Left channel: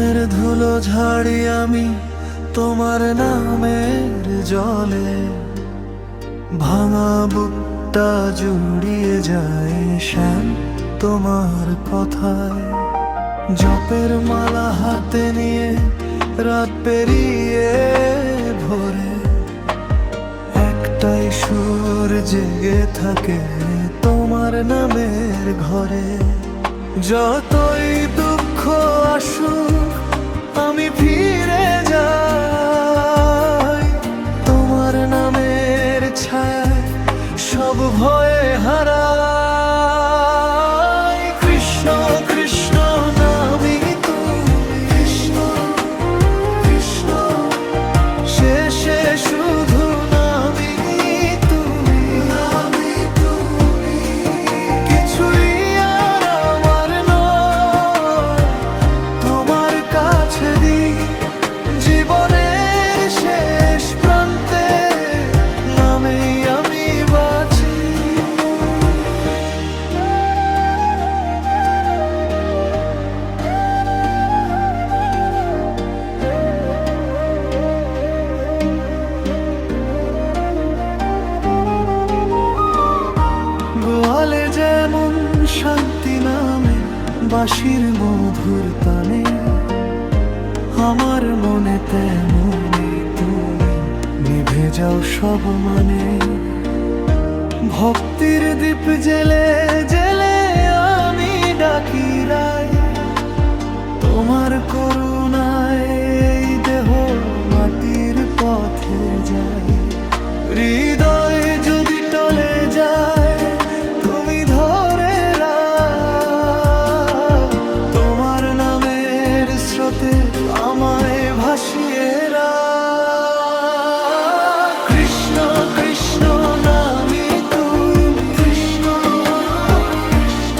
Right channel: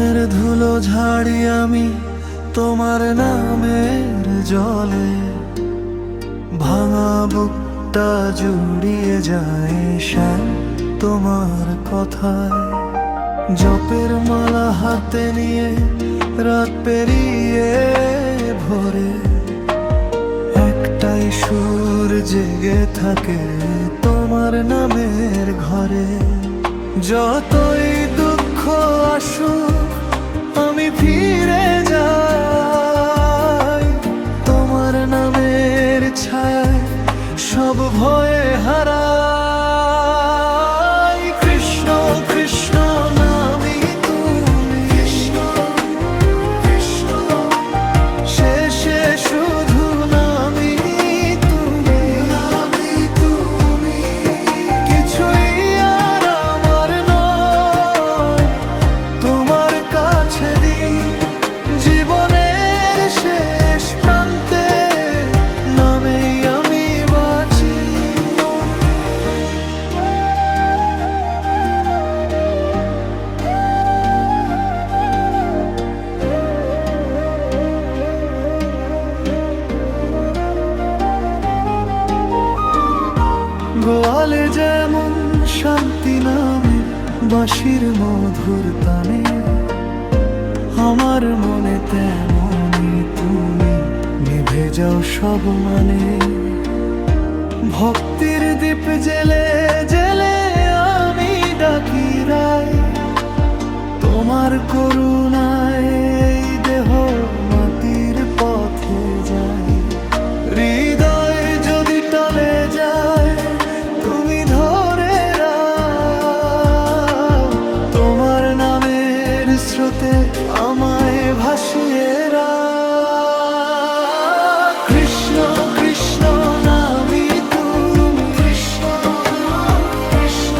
মনের ধুলো ঝাড়ি আমি তোমার নামের জলে, ভাঙা বুকটা জুড়িয়ে যায় শ্যাম তোমার কথায়। জপের মালা হাতে নিয়ে রাত পেরিয়ে ভোরে, একটাই সুর জেগে থাকে তোমার নামের ঘরে। যতই দুঃখ আসুক আমি ফিরে যাই তোমার নামের ছায়ায়, সব ভয়ে হারাই। কৃষ্ণ কৃষ্ণ নামই তুমি, কৃষ্ণ কৃষ্ণ শেষে শুধু নামই তুমি। কিছুই আর আমার নয়, তোমার কাছে দিই জীবনের শেষ প্রান্তে নামেই আমি বাঁচি। গোয়ালে যেমন শান্তি নামে বাঁশির মধুর তানে, আমার মনে তেমনই তুমি নিভে যাও সব মানে। ভক্তির দীপ জেলে জেলে আমি ডাকি রাই, তোমার করুণায় এই দেহ মাটির পথে যায়। হৃদয় যদি টলে যায় তুমি ধরে রাখ, তোমার নামের স্রোতে আমায় ভাসিয়ে রাখ। কৃষ্ণ কৃষ্ণ নামই তুমি, কৃষ্ণ কৃষ্ণ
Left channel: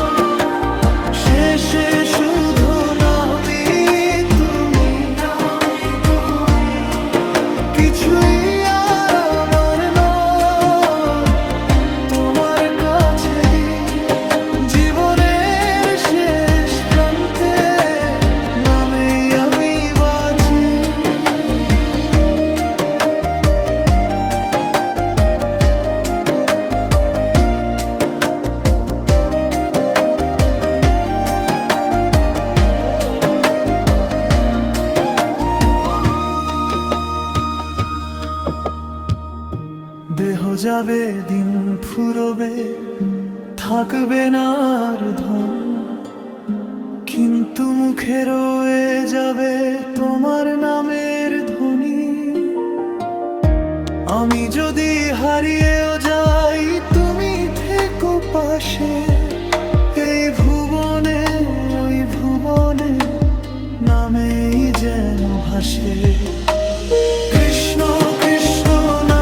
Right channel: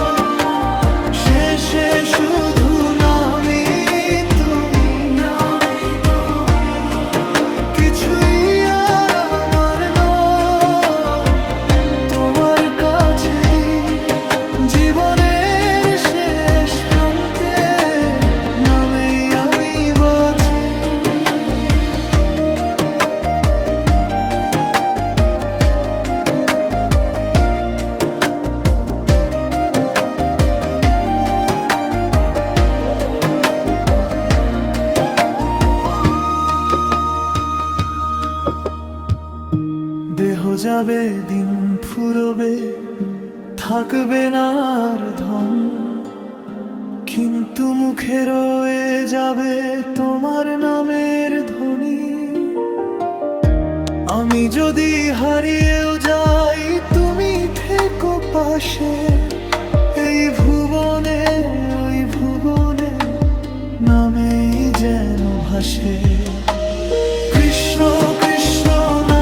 শেষে শুধু নামই তুমি। কিছুই আর আমার নয়, তোমার কাছে দিই জীবনের শেষ প্রান্তে নামেই আমি বাঁচি। দেহ যাবে দিন ফুরবে, থাকবে না আর ধন, কিন্তু মুখে রয়ে যাবে তোমার নামের ধ্বনি। আমি যদি হারিয়েও যাই তুমি থেকো পাশে, এই ভুবনে ওই ভুবনে নামেই যেন ভাসে। কৃষ্ণ কৃষ্ণ না